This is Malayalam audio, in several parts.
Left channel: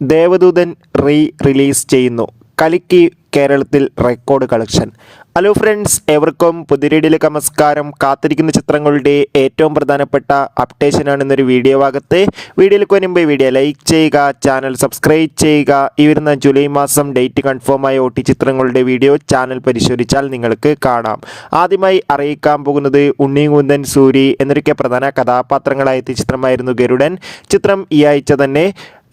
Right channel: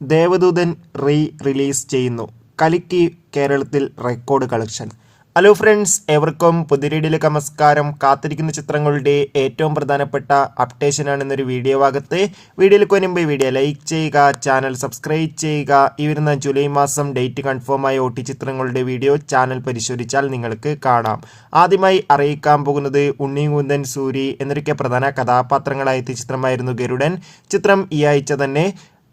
ദേവദൂതൻ റിലീസ് ചെയ്യുന്നു. കലിക്ക് കേരളത്തിൽ റെക്കോർഡ് കളക്ഷൻ. ഹലോ ഫ്രണ്ട്സ്, എവർക്കും പുതിയൊരു നമസ്കാരം. കാത്തിരിക്കുന്ന ചിത്രങ്ങളുടെ ഏറ്റവും പ്രധാനപ്പെട്ട അപ്ഡേഷനാണെന്നൊരു വീഡിയോ ഭാഗത്ത്. വീഡിയോയിലേക്ക് വരുമ്പോൾ വീഡിയോ ലൈക്ക് ചെയ്യുക, ചാനൽ സബ്സ്ക്രൈബ് ചെയ്യുക. ഈ വരുന്ന ജൂലൈ മാസം ഡേറ്റ് കൺഫേമായ OT ചിത്രങ്ങളുടെ വീഡിയോ ചാനൽ പരിശോധിച്ചാൽ നിങ്ങൾക്ക് കാണാം. ആദ്യമായി അറിയിക്കാൻ പോകുന്നത് ഉണ്ണിമുകുന്ദൻ, സൂരി എന്നൊക്കെ പ്രധാന കഥാപാത്രങ്ങളായ ചിത്രമായിരുന്നു ഗരുഡൻ. ചിത്രം ഈ ആഴ്ച തന്നെ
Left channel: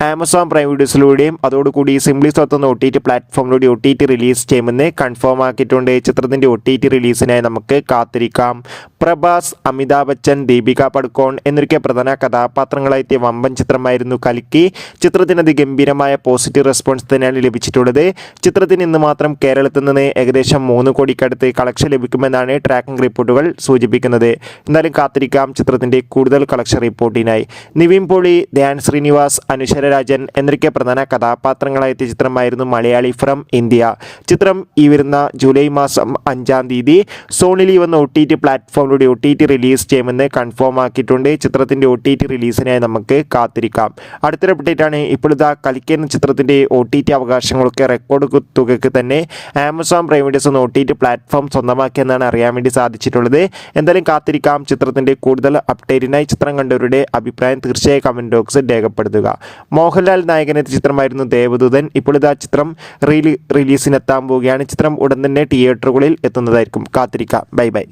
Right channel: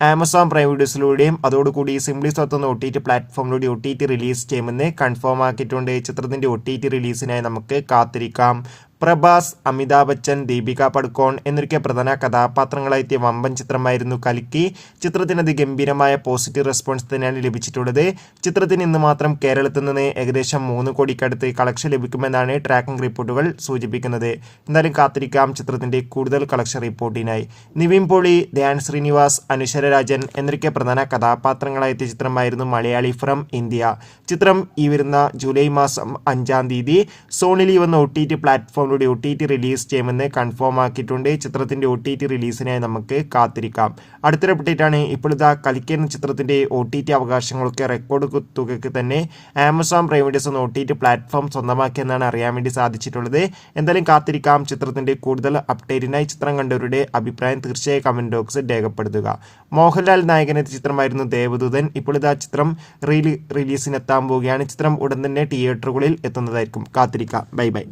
ആമസോൺ പ്രൈം വീഡിയോസിലൂടെയും അതോടുകൂടി സിംപ്ലി സൗത്ത് എന്ന OTT പ്ലാറ്റ്ഫോമിലൂടെ OTT റിലീസ് ചെയ്യുമെന്ന് കൺഫേം ആക്കിയിട്ടുണ്ട്. ചിത്രത്തിൻ്റെ OTT റിലീസിനായി നമുക്ക് കാത്തിരിക്കാം. പ്രഭാസ്, അമിതാഭ് ബച്ചൻ, ദീപിക പടുക്കോൺ എന്നൊക്കെ പ്രധാന കഥാപാത്രങ്ങളായെത്തിയ വമ്പൻ ചിത്രമായിരുന്നു കൽക്കി. ചിത്രത്തിന് അതിഗംഭീരമായ പോസിറ്റീവ് റെസ്പോൺസ് തന്നെയാണ് ലഭിച്ചിട്ടുള്ളത്. ചിത്രത്തിന് ഇന്ന് മാത്രം കേരളത്തിൽ നിന്ന് ഏകദേശം 3 കോടിക്കടുത്ത് കളക്ഷൻ ലഭിക്കുമെന്നാണ് ട്രാക്കിംഗ് റിപ്പോർട്ടുകൾ സൂചിപ്പിക്കുന്നത്. എന്തായാലും കാത്തിരിക്കാം ചിത്രത്തിൻ്റെ കൂടുതൽ കളക്ഷൻ റിപ്പോർട്ടിനായി. നിവിൻ പോളി, ധ്യാൻ ശ്രീനിവാസ്, അനുശ്വര രാജൻ എന്നൊക്കെ പ്രധാന കഥാപാത്രങ്ങളായെത്തിയ ചിത്രമായിരുന്നു മലയാളി ഫ്രം ഇന്ത്യ. ചിത്രം ഈ വരുന്ന ജൂലൈ മാസം 5-ാം തീയതി സോണി വന്ന OTT പ്ലാറ്റ്ഫോമിലൂടെ OTT റിലീസ് ചെയ്യുമെന്ന് കൺഫേം ആക്കിയിട്ടുണ്ട്. ചിത്രത്തിൻ്റെ OTT റിലീസിനായി നമുക്ക് കാത്തിരിക്കാം. അടുത്തൊരു അപ്ഡേറ്റാണ്. ഇപ്പോഴത്തെ കൽക്കി എന്ന ചിത്രത്തിൻ്റെ OTT അവകാശങ്ങളൊക്കെ റെക്കോർഡ് തുകയ്ക്ക് തന്നെ ആമസോൺ പ്രൈം വീഡിയോസ് എന്ന OTT പ്ലാറ്റ്ഫോം സ്വന്തമാക്കിയെന്നാണ് അറിയാൻ വേണ്ടി സാധിച്ചിട്ടുള്ളത്. എന്തായാലും കാത്തിരിക്കാം ചിത്രത്തിൻ്റെ കൂടുതൽ അപ്ഡേറ്റിനായി. ചിത്രം കണ്ടവരുടെ അഭിപ്രായം തീർച്ചയായും കമൻറ്റ് ബോക്സിൽ രേഖപ്പെടുത്തുക. മോഹൻലാൽ നായകനെത്തിയ ചിത്രമായിരുന്നു ദേവദൂതൻ. ഇപ്പോൾ ഇതാ ചിത്രം റിലീസിനെത്താൻ പോവുകയാണ്. ചിത്രം ഉടൻ തന്നെ തിയേറ്ററുകളിൽ എത്തുന്നതായിരിക്കും. കാത്തിരിക്കാം. Bye bye.